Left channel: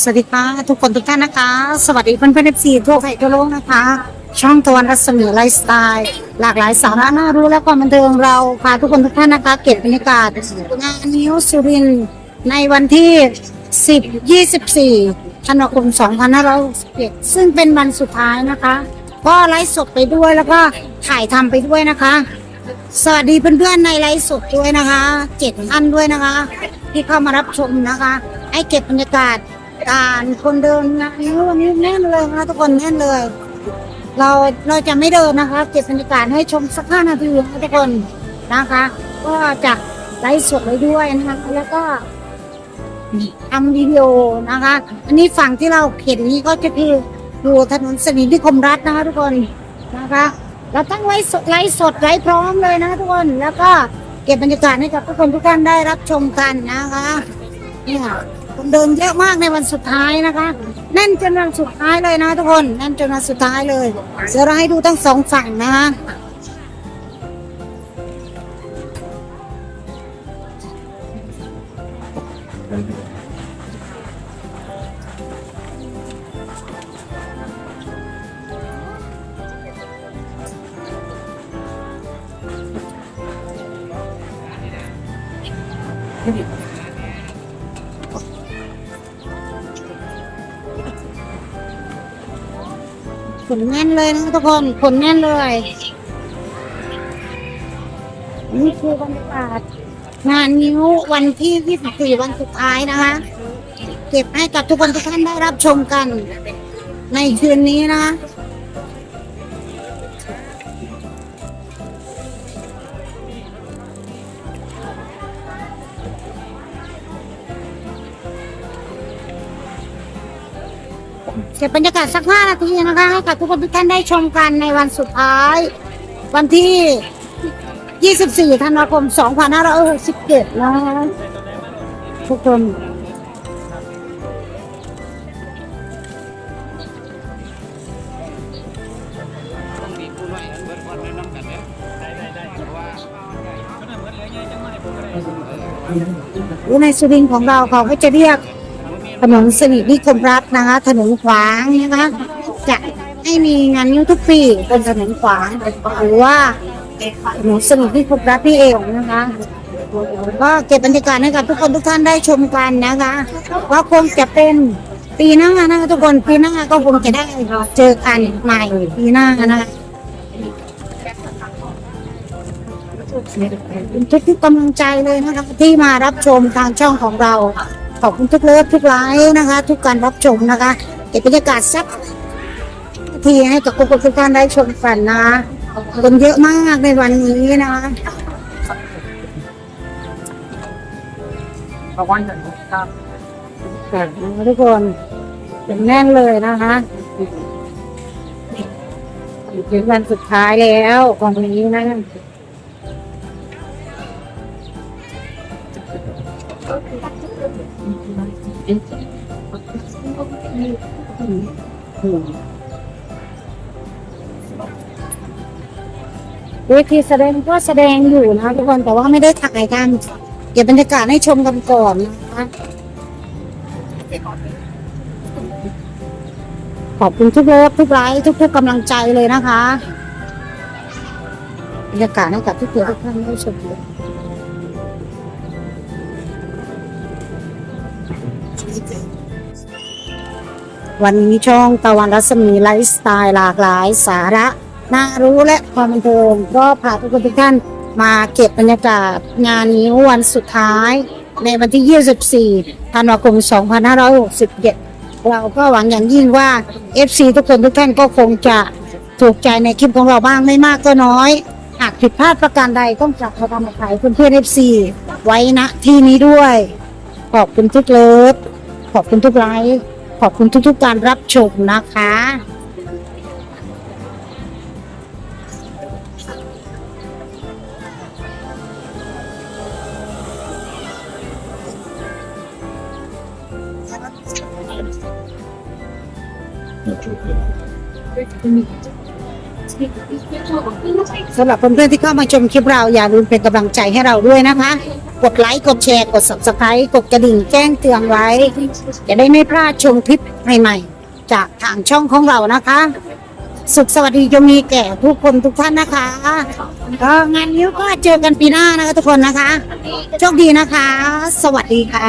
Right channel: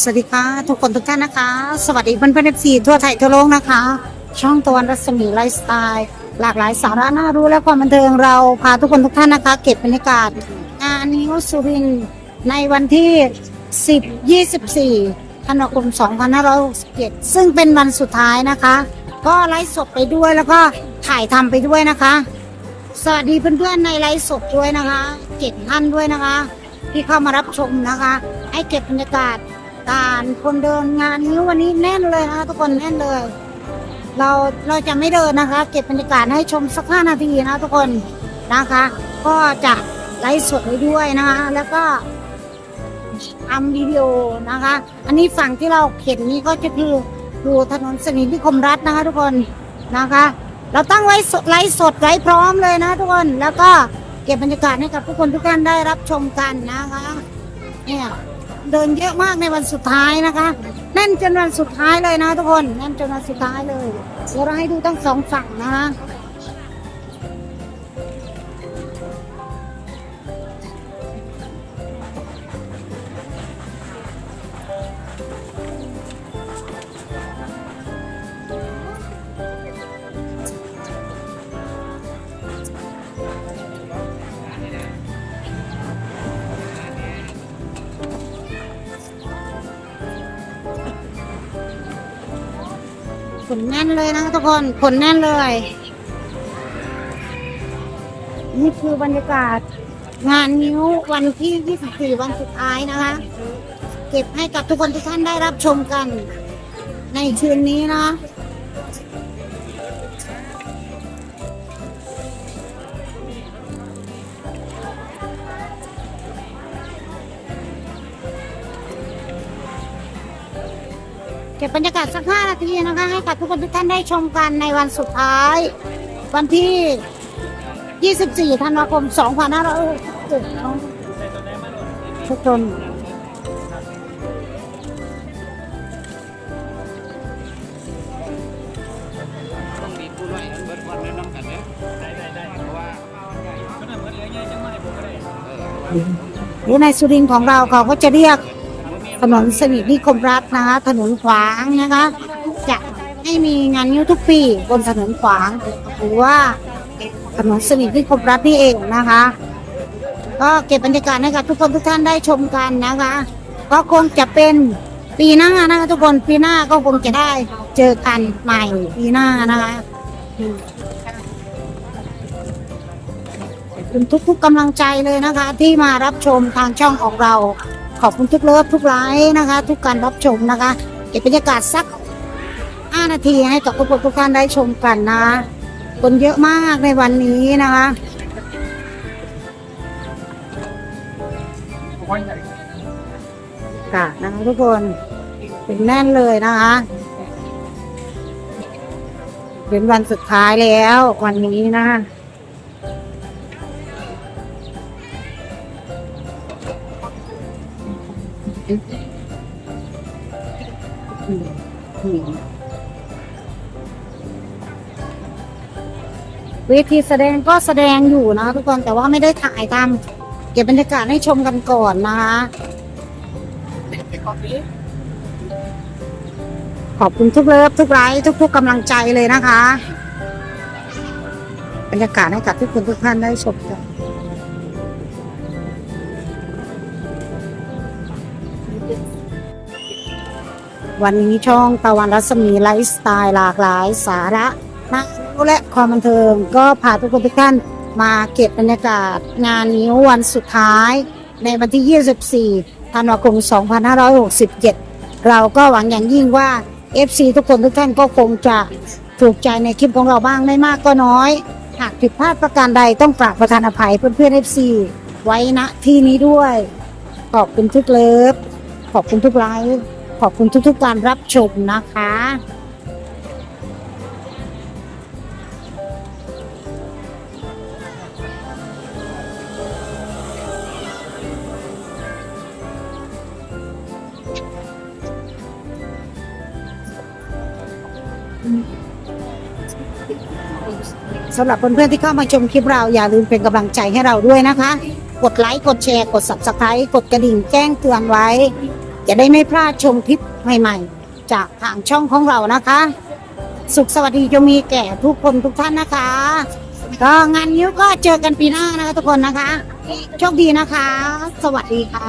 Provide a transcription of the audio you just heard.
สวัสดีค่ะ ทุกคนทุกท่านนะคะ สวัสดีเพื่อนเพื่อนเอฟซีทั่วไทยทั่วโลกนะคะ ช่องตะวันรัศมีไลฟ์สไตล์ หลากหลายสาระน่ารู้และความบันเทิงเราพาทุกคนทุกท่านนะคะ เก็บบรรยากาศงานนิวสุรินในวันที่ 10 24ธันวาคม2567ซึ่งเป็นวันสุดท้ายนะคะ ก็ไลฟ์สดไปด้วยแล้วก็ถ่ายทำไปด้วยนะคะ สวัสดีเพื่อนๆในไลฟ์สดด้วยนะคะเจ็ดท่านด้วยนะคะ ที่เข้ามารับชมนะคะ ให้เก็บบรรยากาศการคนเดินงานนี้วันนี้แน่นเลยนะคะทุกคนแน่นเลย เราเราจะไม่เดินนะคะ เก็บบรรยากาศให้ชมสักห้านาทีนะทุกคนนะคะ ก็จะไลฟ์สดไว้ด้วยนะคะ แล้วก็ทำวิดีโอนะคะ อันนี้ฝั่งที่เราเห็นนี้ก็จะคืออยู่ถนนสนินิคมรัฐนะคะ ทุกคนนะคะ เราตั้งไว้สดไลฟ์สดไลฟ์พร้อมเลยนะทุกคนแล้วก็ ก็บบรรยากาศให้กับทุกคนทุกท่านได้รับชมกันนะคะเนี่ยคนเดินเยอะมากในวันสุดท้ายนะคะแน่นจนวันสุดท้ายเลยนะทุกคนแน่นจนวันสุดท้ายเลยเดี๋ยวเราให้ดูทั้งสองฝั่งนะคะ ขนแน่นเลยนะทุกคนขนแน่นเลยนี่คือบรรยากาศ งานนิ้ววันที่ 24 วันสุดท้ายนะคะ เก็บให้กับทุกคนทุกท่านได้รับชมกัน ในคืนนี้นะ เก็บบรรยากาศสักห้านาทีนะคะ ให้กับทุกคนทุกท่านได้ชมกันในวันสุดท้าย วันที่ 24 ธันวาคม 2567นะคะทุกคนต้องมีผู้น้อยกันเบิดวันเดินน้ำกันเนี่ยได้ได้ได้เพราะว่าก็น่าเหมือนเหลือเยอะจังไม่ผมก็ได้เออในสุรินทร์ของเราเขาก็จะเรียก ถนนสนิทนิคมรัฐนะคะ ถนนขวางนะคะ จะให้มีงานนิ้วทุกปีบนถนนขวางหรือว่าถนนสนิทนิคมรัฐที่เอวนะคะ ก็เก็บบรรยากาศให้กับทุกคนทุกท่านได้ชมกันนะคะก็คงจะเป็นปีหน้านะคะทุกคนปีหน้าก็คงจะได้เจอกันใหม่ปีหน้านะคะทุกทุกๆกำลังใจเลยนะคะ ที่มารับชมทางช่องของเรา ขอบคุณทุกเลิฟทุกไลค์นะคะ ทุกการรับชมนะคะเก็บบรรยากาศสัก 5 นาทีให้กับทุกคนทุกท่านได้ชมกันนะคะคนเยอะมากในวันนี้นะคะรางวัลใหญ่ครับค่ะนะคะทุกคนเป็นแน่นเลยนะคะเป็นวันสุดท้ายแล้ววันนี้นะ เวทีแสดงก็แสดงอยู่นะทุกคนแต่ว่าไม่ได้ถ่ายทำเก็บบรรยากาศให้ชมกันก่อนนะคะขอบคุณทุกเลิฟทุกไลค์ทุกผู้กำลังใจเลยนะคะ บรรยากาศให้กับทุกคนทุกท่านได้ชมกัน วันนี้ช่องตะวันรัศมีไลฟ์สไตล์หลากหลายสาระน่ารู้และความบันเทิงก็พาทุกคนทุกท่านมาเก็บบรรยากาศงานนิ้ววันสุดท้าย ในวันที่ 24 ธันวาคม 2567 เราก็หวังอย่างยิ่งว่า FC ทุกคนทุกท่านก็คงจะถูกใจในคลิปของเราบ้างไม่มากก็น้อย หากผิดพลาดประการใดต้องกราบประทานอภัยเพื่อนๆ FC ไว้ณที่นี้ด้วย ขอบคุณทุกเลิฟขอบคุณทุกไลค์ ขอบคุณทุกๆการรับชมนะคะสำหรับเพื่อนๆที่เข้ามาชมคลิปเราอย่าลืมเป็นกำลังใจให้เราด้วยนะคะ กดไลค์ กดแชร์ กด subscribe กดกระดิ่งแจ้งเตือนไว้ จะได้ไม่พลาดชมคลิปใหม่ๆ จากทางช่องของเรานะคะ สุขสวัสดีจงมีแก่ทุกคนทุกท่านนะคะ ก็งานนิ้วก็เจอกันปีหน้านะคะทุกคนนะคะ โชคดีนะคะ สวัสดีค่ะ